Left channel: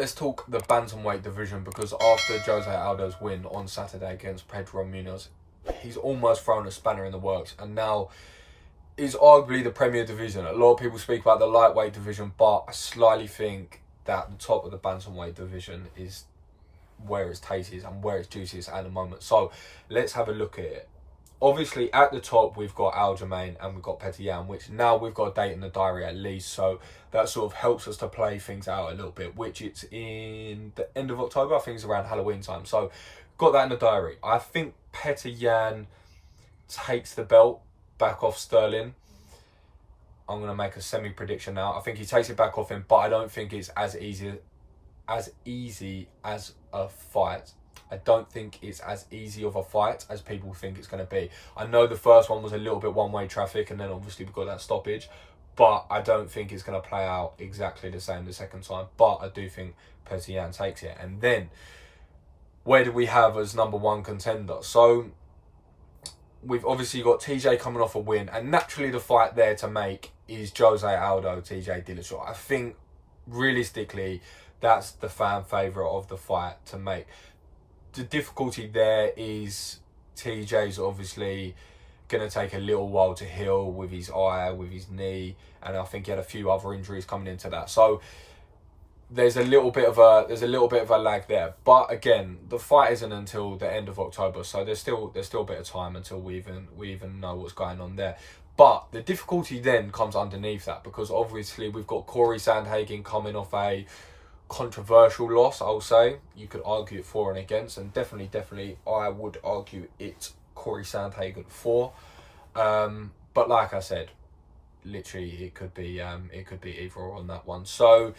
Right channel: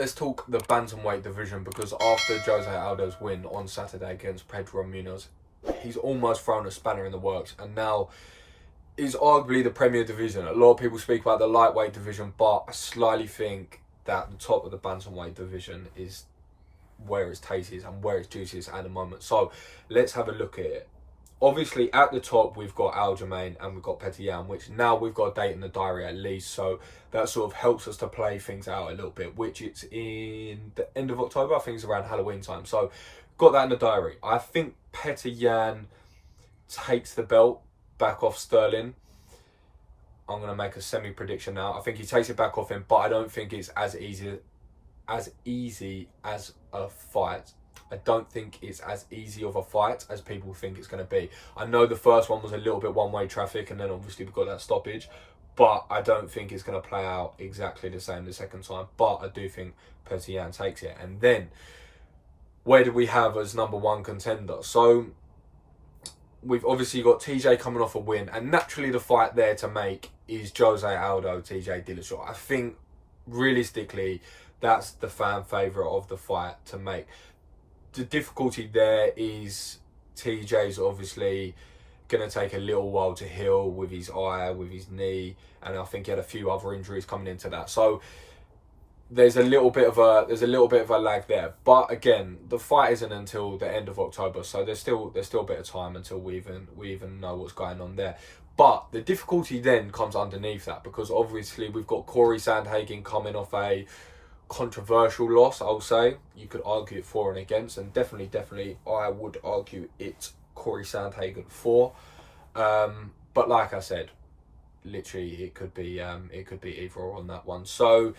let's talk the Bantamweight division, because after Jose Aldo's win on Saturday against Petr Munoz, he's almost thrown a spanner in the works, and now is arguably the premier division. A lot of people speak about the lightweight division, but I slightly think that the top of the Bantamweight division is where its taste is and where its juice is at the moment. So let's have a look at it. Obviously, at the top, we've got Aljamain and we've got Petr, which now we've got a date in the diary at least. So that sort of helps us to play things out a little bit, which it's in the end of October. I think it's around Halloween time. So got that in the diary. I think Petr takes the belt back off Sterling. I'm going to make a semi-prediction now. I think he takes it back off him, but I don't think it's as easy as a fight. I don't think it's as easy of a fight as people think it's going to be. I know the first one was a little bit one-way traffic, and then obviously we've got that stoppage, but I don't think it's going to play out exactly the same the second time. But I do think Petr takes it. And then, where do we have as number one contender? So we've obviously got TJ coming off a win, and naturally the fight there to make is Jose Aldo, TJ Dillashaw. I think realistically that's the fan favourite of the fight to make. The difficulty there is TJ's obviously going to take a little while to heal with his eye, with his knee, and I think he had a few other injuries coming into that. So there's a little bit of a lag there. But again, the fight isn't until the end of October, so there's still a bit of time until we even know what's going on there. But the difficulty then comes underneath that, because obviously we've got Cory Sandhagen coming off a controversial loss, I'll say. You could argue it for and against, and definitely I would argue it's Cory Sandhagen for. But like I said, literally it could be either or on that one. So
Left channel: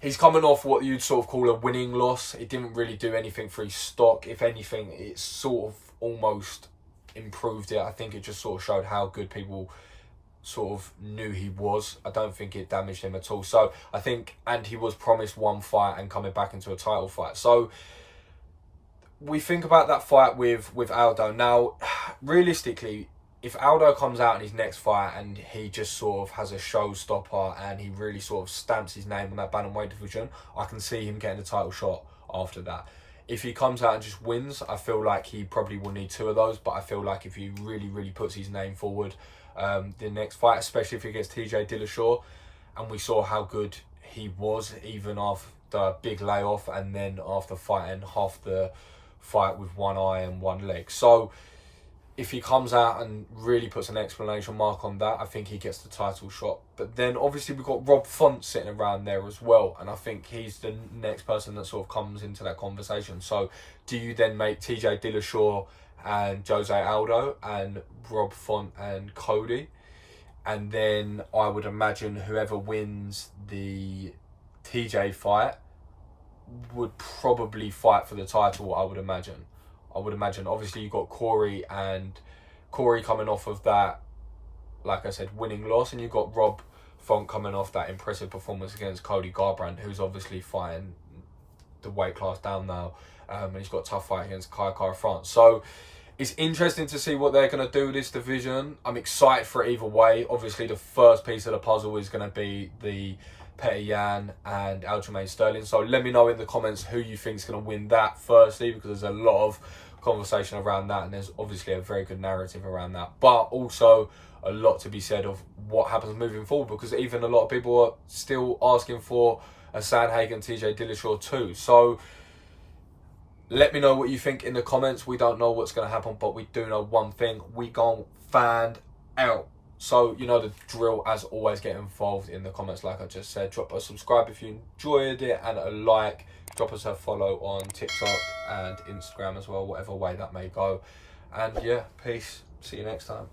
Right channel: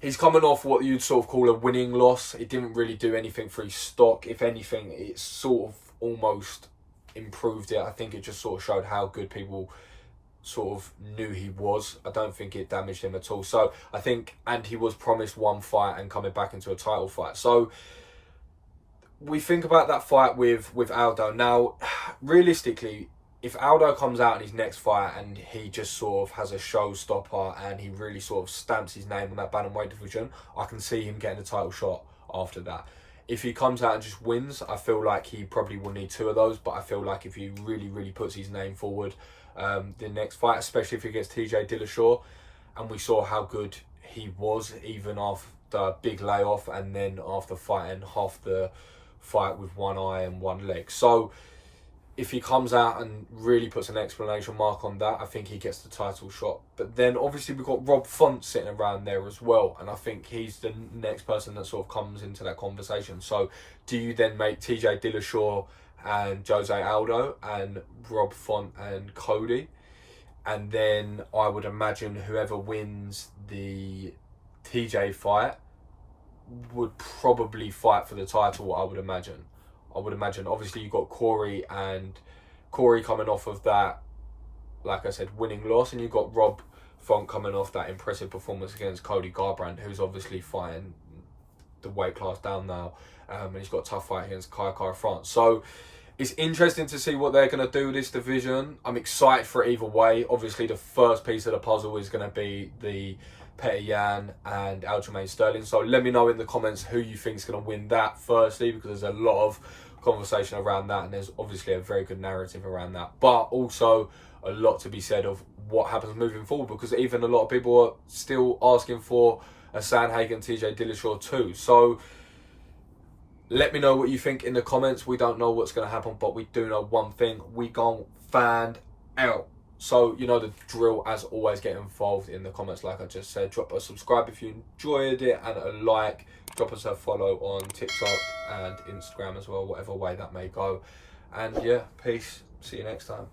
he's coming off what you'd sort of call a winning loss. It didn't really do anything for his stock. If anything, it sort of almost improved it. I think it just sort of showed how good people sort of knew he was. I don't think it damaged him at all. So I think, and he was promised one fight and coming back into a title fight. So we think about that fight with Aldo. Now, realistically, if Aldo comes out in his next fight and he just sort of has a showstopper and he really sort of stamps his name on that bantamweight division, I can see him getting a title shot after that. If he comes out and just wins, I feel like he probably will need two of those. But I feel like if he really puts his name forward, the next fight, especially if he gets TJ Dillashaw, and we saw how good he was even after a big layoff and then after fighting half the fight with one eye and one leg. So if he comes out and really puts an exclamation mark on that, I think he gets the title shot. But then obviously we've got Rob Font sitting around there as well, and I think he's the next person that sort of comes into that conversation. So do you then make TJ Dillashaw and Jose Aldo and Rob Font and Cody? And then I would imagine whoever wins the TJ fight would probably fight for the title, I would imagine. Obviously you've got Cory coming off of that, like I said, winning loss, and you've got Rob Font coming off that impressive performance against Cody Garbrandt, who's obviously fighting the weight class down now, and he's got a tough fight against Kara France. So it's interesting to see what they're going to do with this division. I'm excited for it either way. Obviously the first piece of the puzzle is going to be the Petr and Aljamain Sterling. So let me know in the comments who you think is going to win that firstly, because there's a lot of conversation around that, and there's obviously a very good narrative around that, but also a lot to be said of what happens moving forward, because even a lot of people are still asking for a Sandhagen TJ Dillashaw too. So let me know what you think in the comments. We don't know what's going to happen, but we do know one thing: we gon' find out. So you know the drill. As always, get involved in the comments like I just said. Drop a subscribe if you enjoyed it, and a like. Drop us a follow on TikTok and Instagram as well, whatever way that may go. And yeah, peace. See you next time.